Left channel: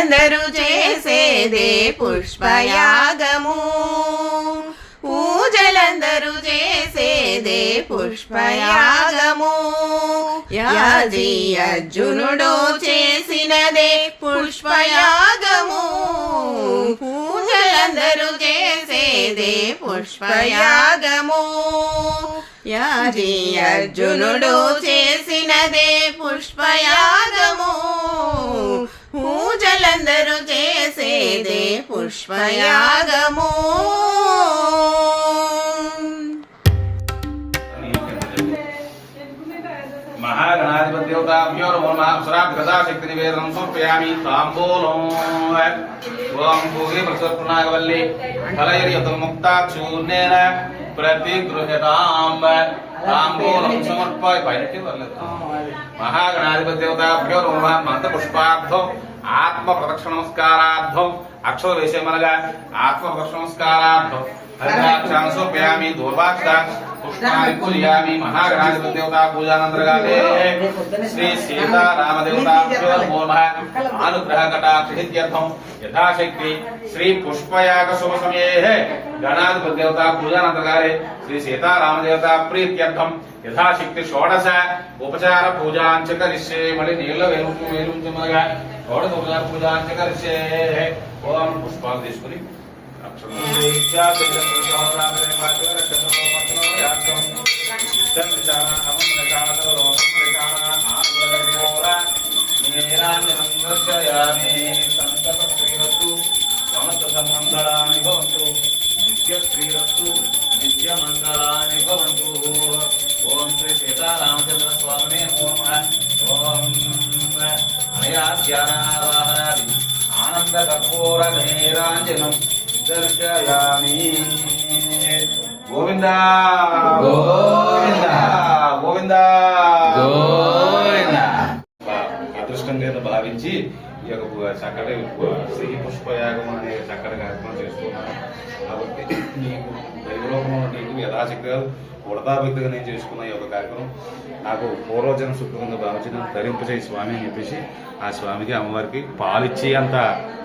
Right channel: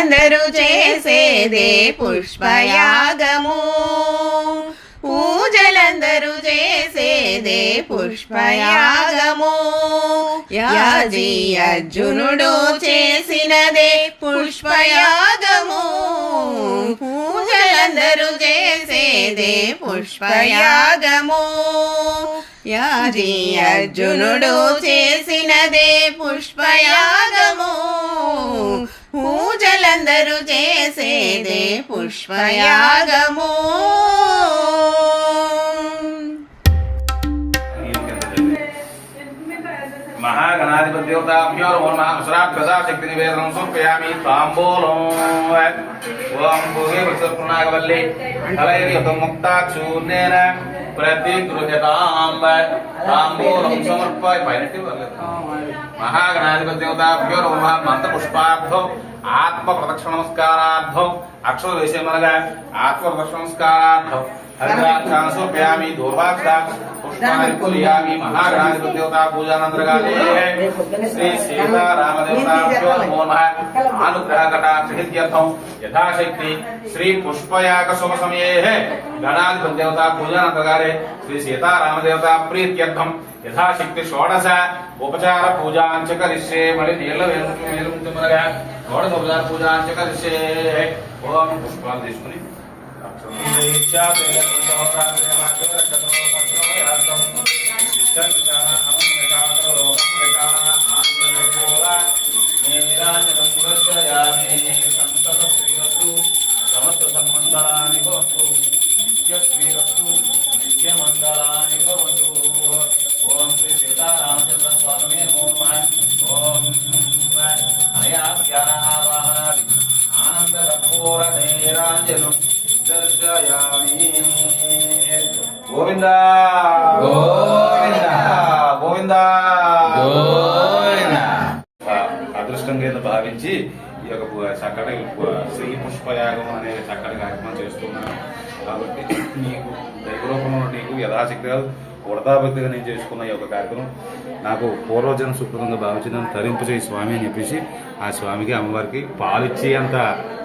అందరూ చేసేదే పుష్పయాగము, పూజలందరూ చేసేదే పుష్పయాగము. యాజీ అర్జునుడు చేసినదే పుష్పయాగము, పూజలందరూ చేసేదే పుష్పయాగము. యాజీ అర్జునుడు చేసినదే పుష్పయాగము, పూజలందరూ చేసేదే పుష్పయాగము. महागणाधिपतिदेवताभ्यो नमो नमः। श्राद्धदा शक्ति निवेदनं समर्पयामि। ताम्बूलं ओम भूगे वृषभनागवल्ली फलैर्युतं मुक्ताक्षूर्णेन प्रतिगृह्यतां। ताम्बूलं समर्पय पैनट्टि महागणाधिपतिदेवताभ्यो नमो नमः। मंत्रपुष्पार्थो आत्मप्रदक्षिण नमस्कारार्थो अक्षरवेशमनगा आत्मप्रदक्षिण नमस्कारार्थो हरिद्राक्षान् समर्पयामि। दूर्वाक्षा पुष्पाणि पूजयामि। महागणाधिपतिदेवता पूजानन्तरकाले श्री सीतारामदेवताभ्यो नमो नमः। अनुग्रहकटाक्षसिद्ध्यर्थं यथाशक्ति श्री पुष्पयाग शुभ समये गणाधिपतिदेवता पूजानन्तरकाले श्री सीतारामदेवता प्रीत्यर्थं यथाशक्ति षोडश उपचार पूजाञ्च करिष्ये। मणि नीलवेलुंचमनगा षोडश उपचार पूजाञ्च करिष्ये। ओम पुष्पान् తీసుకుని సమస్త సన్మంగళాని భవంతు నిత్య శ్రీరస్తు నిత్య మంగళాని భవంతు. ఓం శ్రీ సీతారామచంద్ర స్వామినే నమో నమః. ఓం అనయాధ్యానావాహనాది ఆనంద కర్పూర ధీరాంజనం దర్శయామి. గోవింద గోవింద గోవింద గోవింద. అదృష్టంగా భావించి ఈ యొక్క చక్కటి శ్రీ పుష్పయాగం అనే చక్కటి కార్యక్రమం చేస్తున్నాను. కాబట్టి నీకు దైవరూపంలో నీకు యథాశక్తిగా వృధాభక్తిగా నేను చేసుకున్న ఈ యొక్క కార్యక్రమం నాకు పూర్వజన సుకృతంగా భావించి నన్ను తరింపజేయి స్వామి అని చెప్పేసి ఆ స్వామికి అమ్మవారికి పాలిచ్చే అంత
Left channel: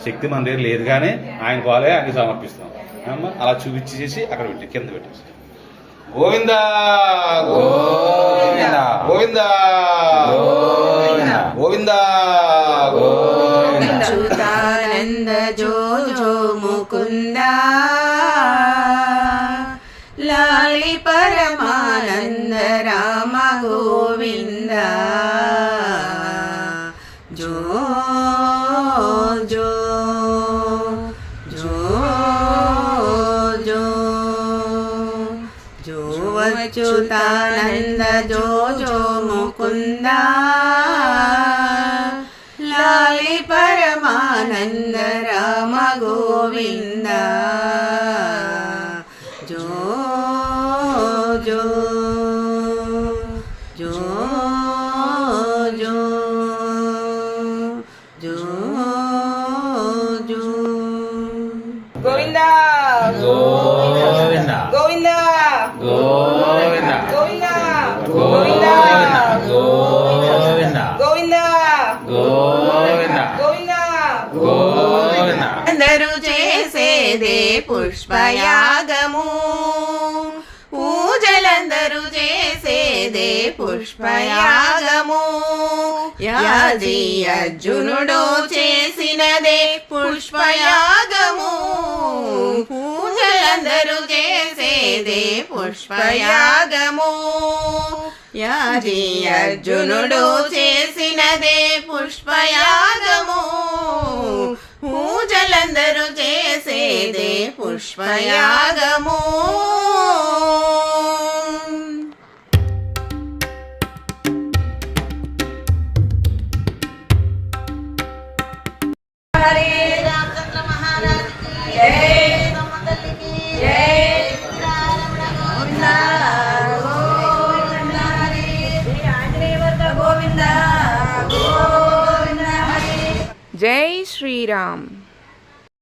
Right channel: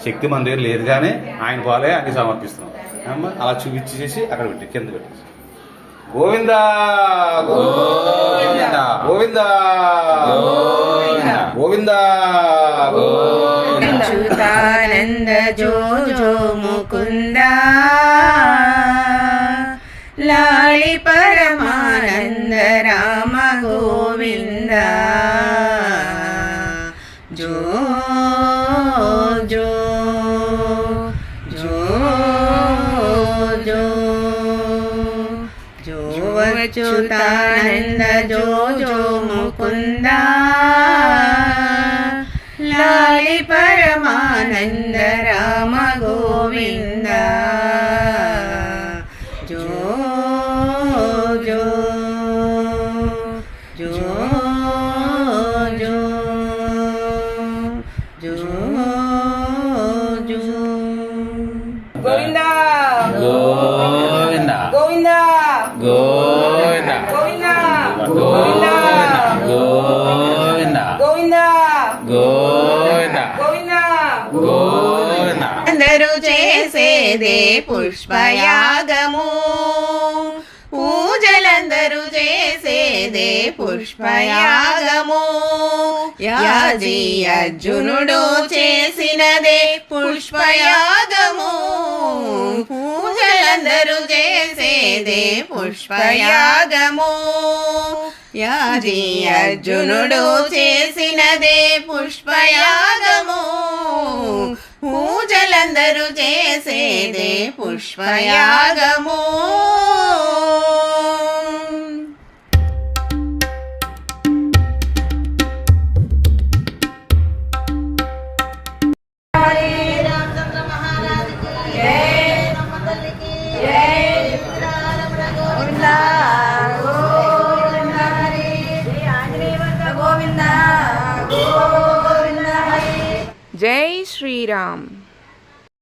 శక్తి మన దగ్గర లేదు, కానీ ఆయన పాలే ఆయన సమర్పిస్తున్నాం. అమ్మ అలా చూపించి చేసి అక్కడ పెట్టి కింద పెట్టేసి గోవింద గోవింద గోవింద గోవింద అచ్యుతానంద జో జో ముకుంద లాలి పరమానంద రామ గోవింద జో జో జో జో జో అచ్యుతానంద జో జో ముకుంద లాలి పరమానంద రామ గోవింద జో జో జో జో జో జో గోవింద గోవింద గోవింద గోవింద గోవింద గోవింద గోవింద గోవింద గోవింద. అందరూ చేసేదే పుష్పయాగము, పూజలందరూ చేసేదే పుష్పయాగము. యాజీ అర్జునుడు చేసినదే పుష్పయాగము, పూజలందరూ చేసేదే పుష్పయాగము. యాజీ అర్జునుడు చేసినదే పుష్పయాగము, పూజలందరూ చేసేదే పుష్పయాగము. जय श्री राम।